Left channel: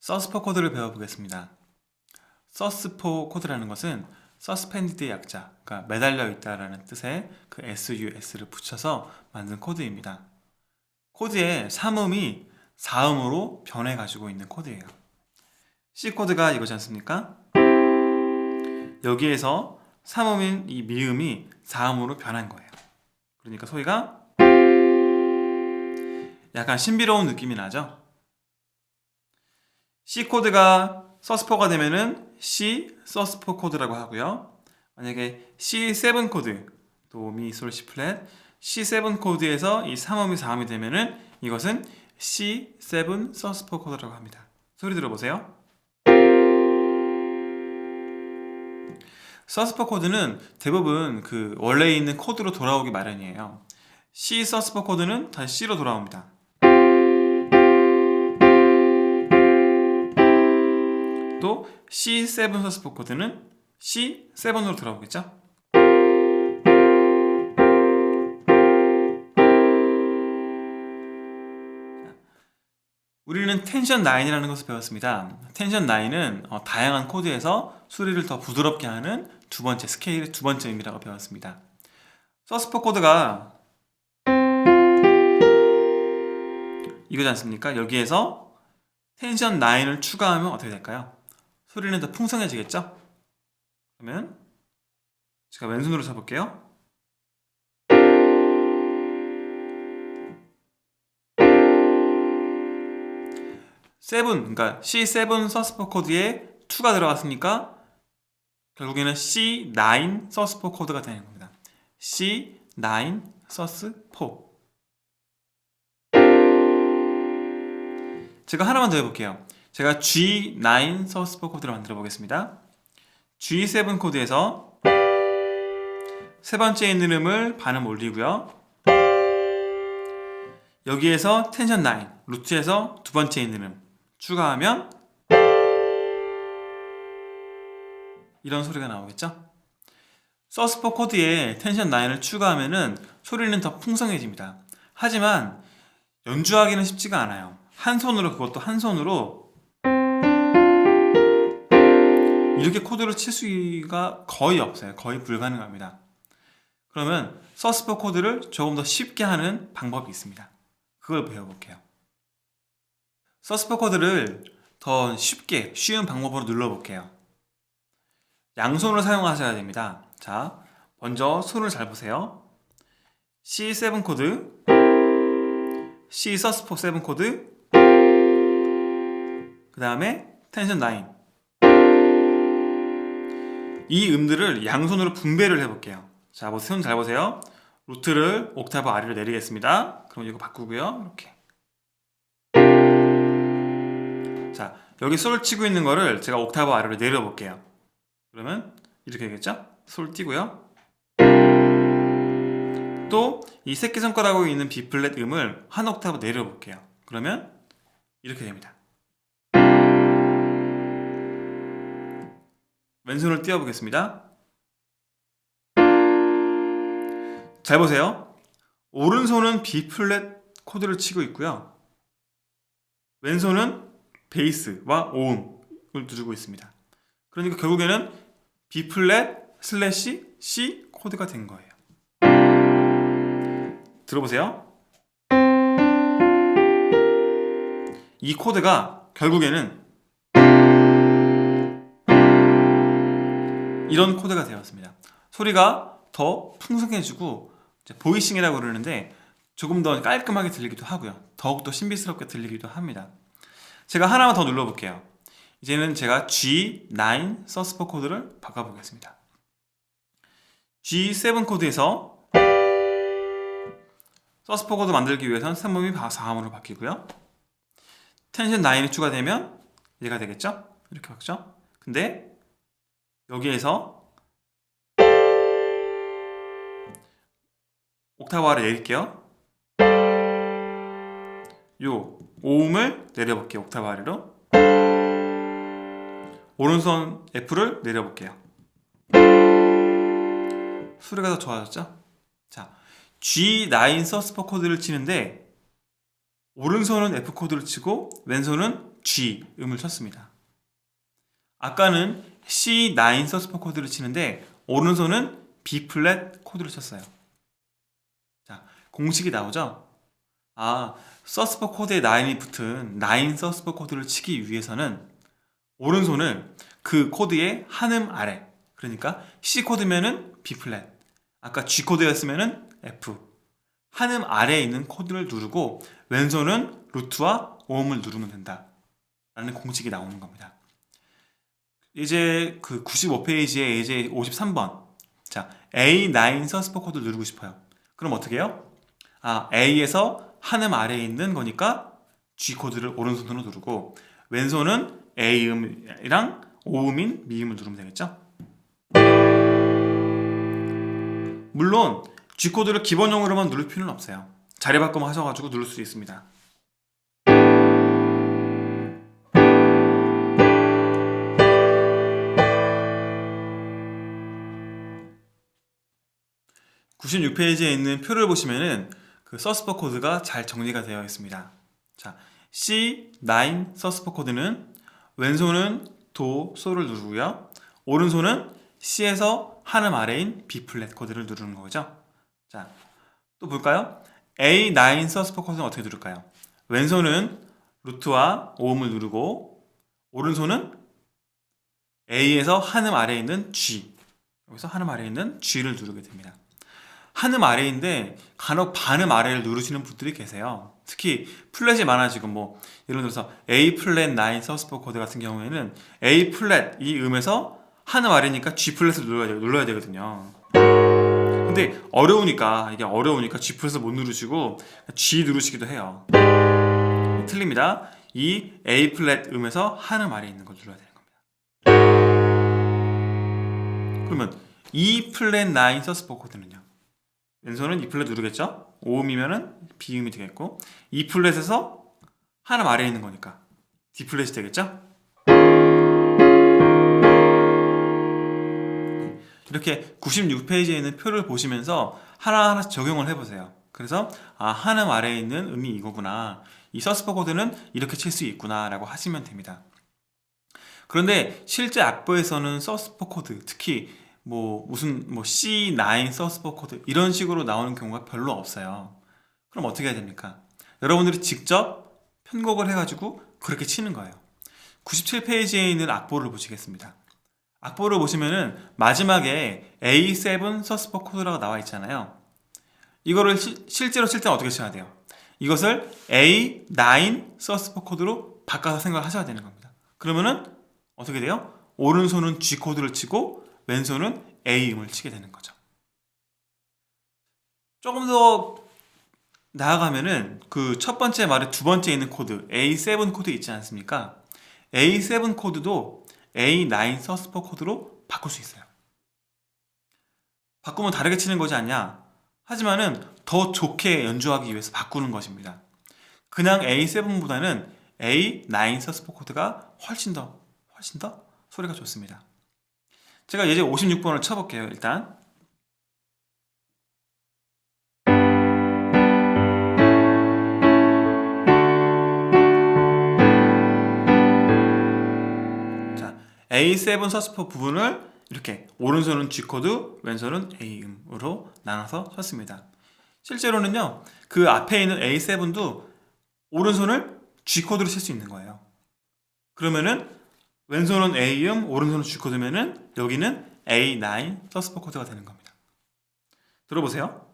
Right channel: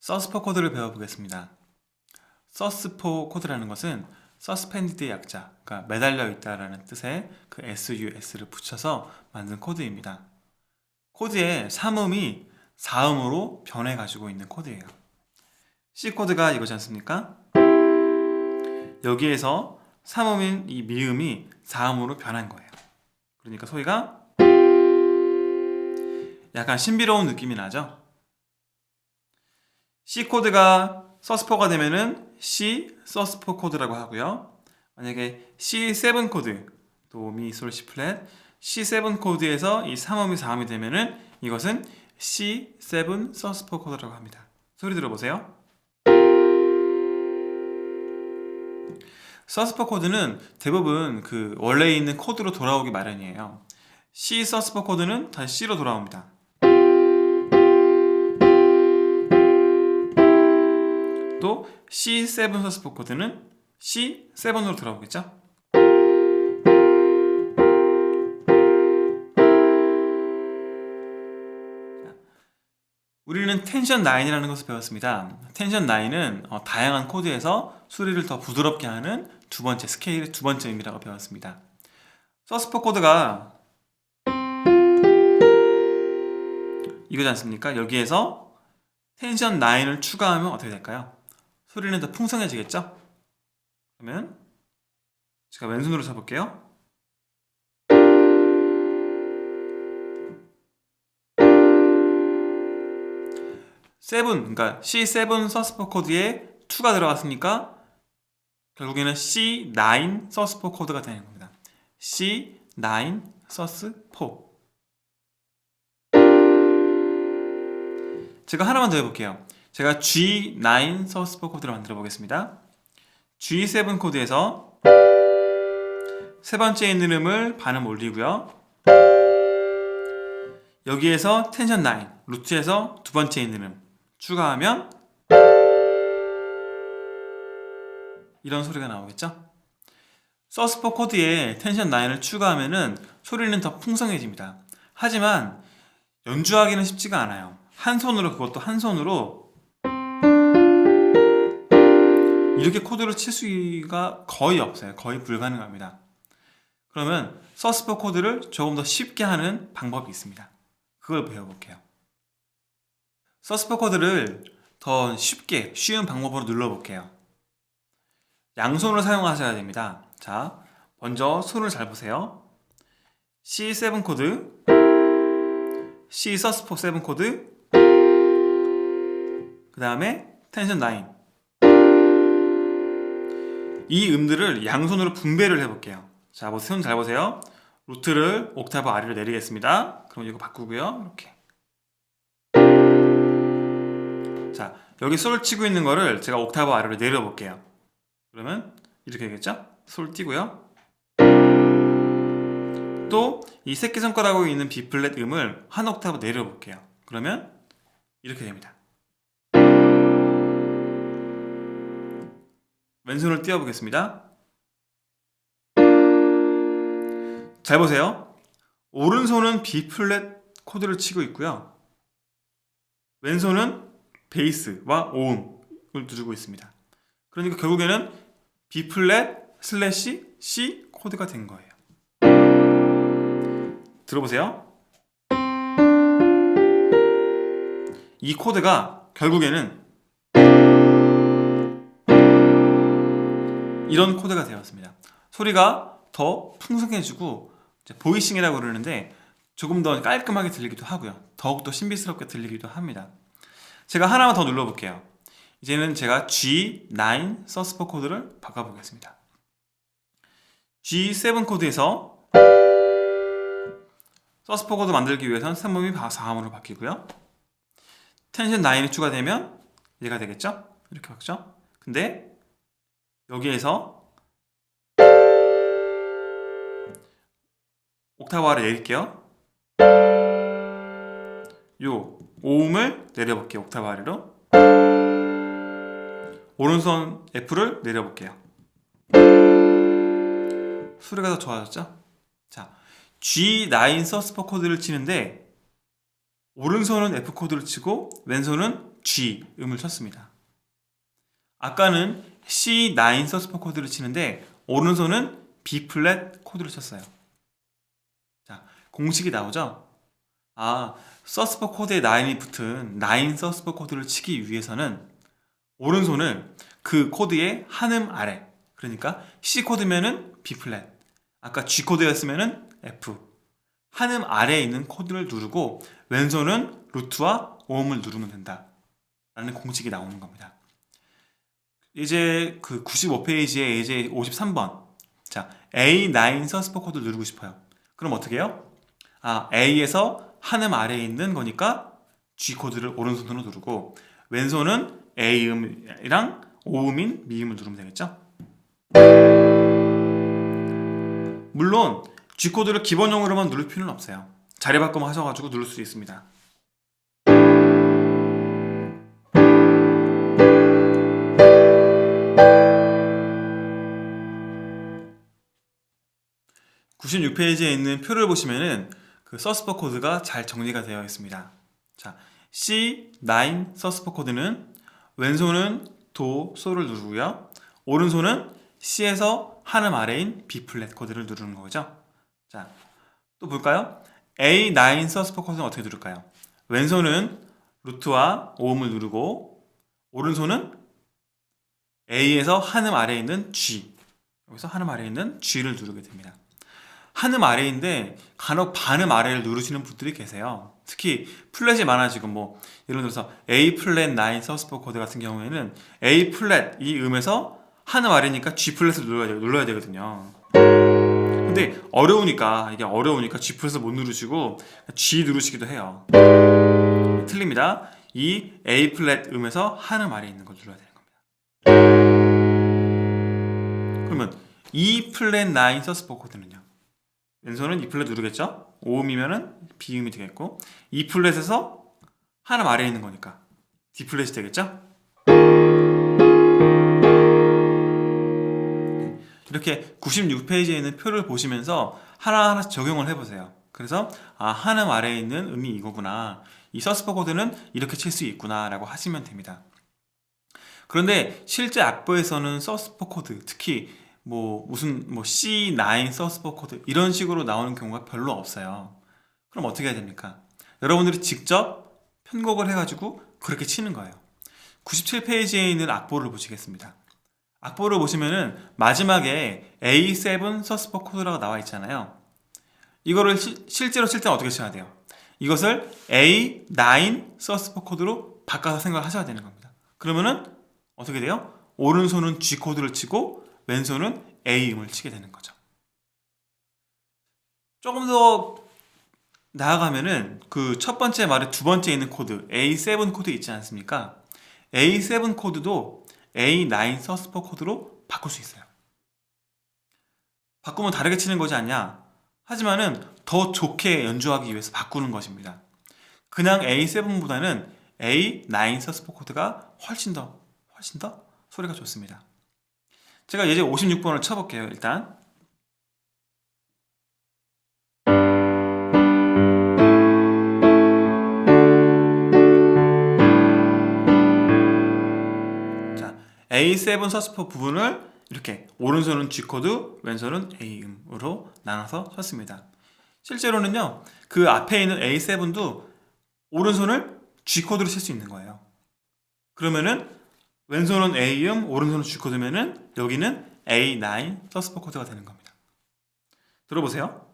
서스포 코드를 배워보겠습니다. 서스포 코드라는 것은 서스펜디드의 약자, 그러니까 매달려 있다라는 뜻의 그 SUS를 붙여서 만든 코드입니다. 코드의 3음이 4음으로 변해가지고 있는 코드예요. C 코드가 이거지 않습니까? 여기에서 3음인 이 미음이 4음으로 변한 거예요. 그러니까 소리가 약간 신비로운 느낌이 나죠? C 코드가 서스포가 되면은 C 서스포 코드라고 하고요. 만약에 C7 코드, 도, 미, 솔, 시 플랫, C7 코드에서 이 3음이 4음이 되면은 이것은 C7 서스포 코드라고 합니다. 소리 들어보세요. 서스포 코드는 대부분 그 원래 있는 코드로 돌아오기 마련이에요. C 서스포 코드는 다시 C로 돌아옵니다. 또 C7 서스포 코드는 C7으로 돌아오겠죠? 우리는 텐션 9이라는 것을 배웠습니다. 텐션 9은 다양한 코드에서 소리를 더 부드럽게 하는 두 번째 스케일의 두 번째 의미라고 배웠습니다. 서스포 코드가 이거지 않습니까? 여기에서 텐션 9을 추가하면 어떻게 될까요? 소리는 더 풍성해지겠죠? 그러면 제가 왼손으로 쳐볼게요. 그러니까 C7 서스포 코드에 2가 들어갔으니까 결국에는 C9 서스포 코드가 되는 겁니다. C9 서스포. 제가 하나만 더 해볼게요. 제가 G9 서스포 코드를 만들어 보겠습니다. G7 코드에서 세 번째 있는 음을 반음 올리고요. 여기에서 텐션 9, 루트에서 두 번째 있는 음 추가하면 이런 소리가 나오겠죠? 서스포 코드에 텐션 9을 추가하면은 소리는 더 풍성해집니다. 하지만 연주하기는 쉽지가 않아요. 한 손으로, 그것도 한 손으로 이렇게 코드를 칠 수가 거의 없어요. 거의 불가능합니다. 그러면 서스포 코드를 조금 더 쉽게 하는 방법이 있습니다. 그걸 배워볼게요. 서스포 코드를 더 쉽게, 쉬운 방법으로 눌러볼게요. 양손을 사용하셔야 됩니다. 자, 먼저 손을 잘 보세요. C7 코드, C 서스포 7 코드, 그 다음에 텐션 9. 이 음들을 양손으로 분배를 해볼게요. 자, 손 잘 보세요. 루트를 옥타브 아래로 내리겠습니다. 그럼 이거 바꾸고요. 이렇게. 자, 여기 솔 치고 있는 거를 제가 옥타브 아래로 내려볼게요. 그러면 이렇게 되겠죠? 솔 띄고요. 또 이 새끼손가락으로 있는 B 플랫 음을 한 옥타브 내려볼게요. 그러면 이렇게 됩니다. 왼손을 띄워보겠습니다. 잘 보세요. 오른손은 B 플랫 코드를 치고 있고요. 왼손은 베이스와 오음을 누르고 있습니다. 그러니까 결국에는 B 플랫 슬래시 C 코드가 된 거예요. 들어보세요. 이 코드가 결국에는 이런 코드가 되었습니다. 소리가 더 풍성해지고 보이싱이라고 그러는데 조금 더 깔끔하게 들리기도 하고요. 더욱더 신비스럽게 들리기도 합니다. 제가 하나만 더 눌러볼게요. 이제는 제가 G9 서스포 코드를 바꿔보겠습니다. G7 코드에서 서스포 코드 만들기 위해서는 3음이 4음으로 바뀌고요. 텐션 9이 추가되면 얘가 되겠죠? 이렇게 바뀌죠? 근데 여기에서 옥타브 아래 내릴게요. 요 5음을 내려볼게요. 옥타브 아래로. 오른손 F를 내려볼게요. 소리가 더 좋아졌죠? 자, G9 서스포 코드를 치는데 오른손은 F 코드를 치고 왼손은 G 음을 쳤습니다. 아까는 C9 서스포 코드를 치는데 오른손은 B 플랫 코드를 쳤어요. 자, 공식이 나오죠? 서스포 코드에 9이 붙은 9 서스포 코드를 치기 위해서는 오른손을 그 코드의 한음 아래, 그러니까 C 코드면은 B 플랫, 아까 G 코드였으면은 F, 한음 아래에 있는 코드를 누르고 왼손은 루트와 오음을 누르면 된다 라는 공식이 나오는 겁니다. 이제 그 95페이지에 이제 53번, 자, A9 서스포 코드를 누르고 싶어요. 그럼 어떻게 해요? A에서 한음 아래에 있는 거니까 G 코드를 오른손으로 누르고 왼손은 A음이랑 오음인 미음을 누르면 되겠죠? 물론 G 코드를 기본형으로만 누를 필요는 없어요. 자리 바꿈 하셔가지고 누를 수 있습니다. 96페이지에 있는 표를 보시면은 그 서스포 코드가 잘 정리가 되어 있습니다. 자, C9 서스포 코드는 왼손은 도, 소를 누르고요. 오른손은 C에서 한음 아래인 B 플랫 코드를 누르는 거죠. 자, 또 볼까요? A9 서스포 코드는 어떻게 누를까요? 왼손은 루트와 오음을 누르고 오른손은 A에서 한음 아래에 있는 G, 여기서 한음 아래에 있는 G를 누르게 됩니다. 한음 아래인데 간혹 반음 아래를 누르시는 분들이 계세요. 특히 플랫이 많아지고 뭐 예를 들어서 A 플랫 9 서스포 코드 같은 경우에는 A 플랫 이 음에서 한음 아래니까 G 플랫을 눌러야 되거든요. 근데 어려우니까 G 플랫을 못 누르시고 G 누르시기도 해요. 틀립니다. 이 A 플랫 음에서 한음 아래에 있는 걸 눌러야 되는 겁니다. 그러면 E 플랫 9 서스포 코드는요? 왼손은 E 플랫 누르겠죠? 오음이면은 B음이 되겠고 E 플랫에서 한음 아래에 있는 거니까 D 플랫이 되겠죠? 이렇게 96페이지에 있는 표를 보시면서 하나하나씩 적용을 해보세요. 그래서 한음 아래에 있는 음이 이거구나, 이 서스포 코드는 이렇게 칠 수 있구나 라고 하시면 됩니다. 그런데 실제 악보에서는 서스포 코드, 특히 무슨 C9 서스포 코드 이런 식으로 나오는 경우가 별로 없어요. 그럼 어떻게 해야 됩니까? 여러분들이 직접 편곡을 해가지고 그렇게 치는 거예요. 97페이지에 있는 악보를 보시겠습니다. 악보를 보시면은 마지막에 A7 서스포 코드라고 나와 있잖아요. 이거를 실제로 칠 때는 어떻게 쳐야 돼요? 이것을 A9 서스포 코드로 바꿔서 생각하셔야 되는 겁니다. 그러면은 어떻게 돼요? 오른손은 G 코드를 치고 왼손은 A음을 치게 되는 거죠. 조금 더 나아가면은 그 첫 번째 말의 두 번째 있는 코드 A7 코드 있지 않습니까? A7 코드도 A9 서스포 코드로 바꿀 수 있어요. 바꾸면 다르게 치는 거지 않냐? 하지만은 더 좋게 연주하기 위해서 바꾸는 것입니다. 그냥 A7보다는 A9 서스포 코드가 훨씬 더 소리가 좋습니다. 제가 이제 56번을 쳐볼게요. 일단 자, A7 서스포 부분을 이렇게 오른손은 G 코드, 왼손은 A음으로 나눠서 쳤습니다. 실제로는요, 그 앞에 있는 A7도 오른손을 G 코드로 칠 수 있는 거예요. 그러면은 왼손은 A음, 오른손은 G 코드면은 여기는 A9 서스포 코드가 되는 겁니다. 들어보세요.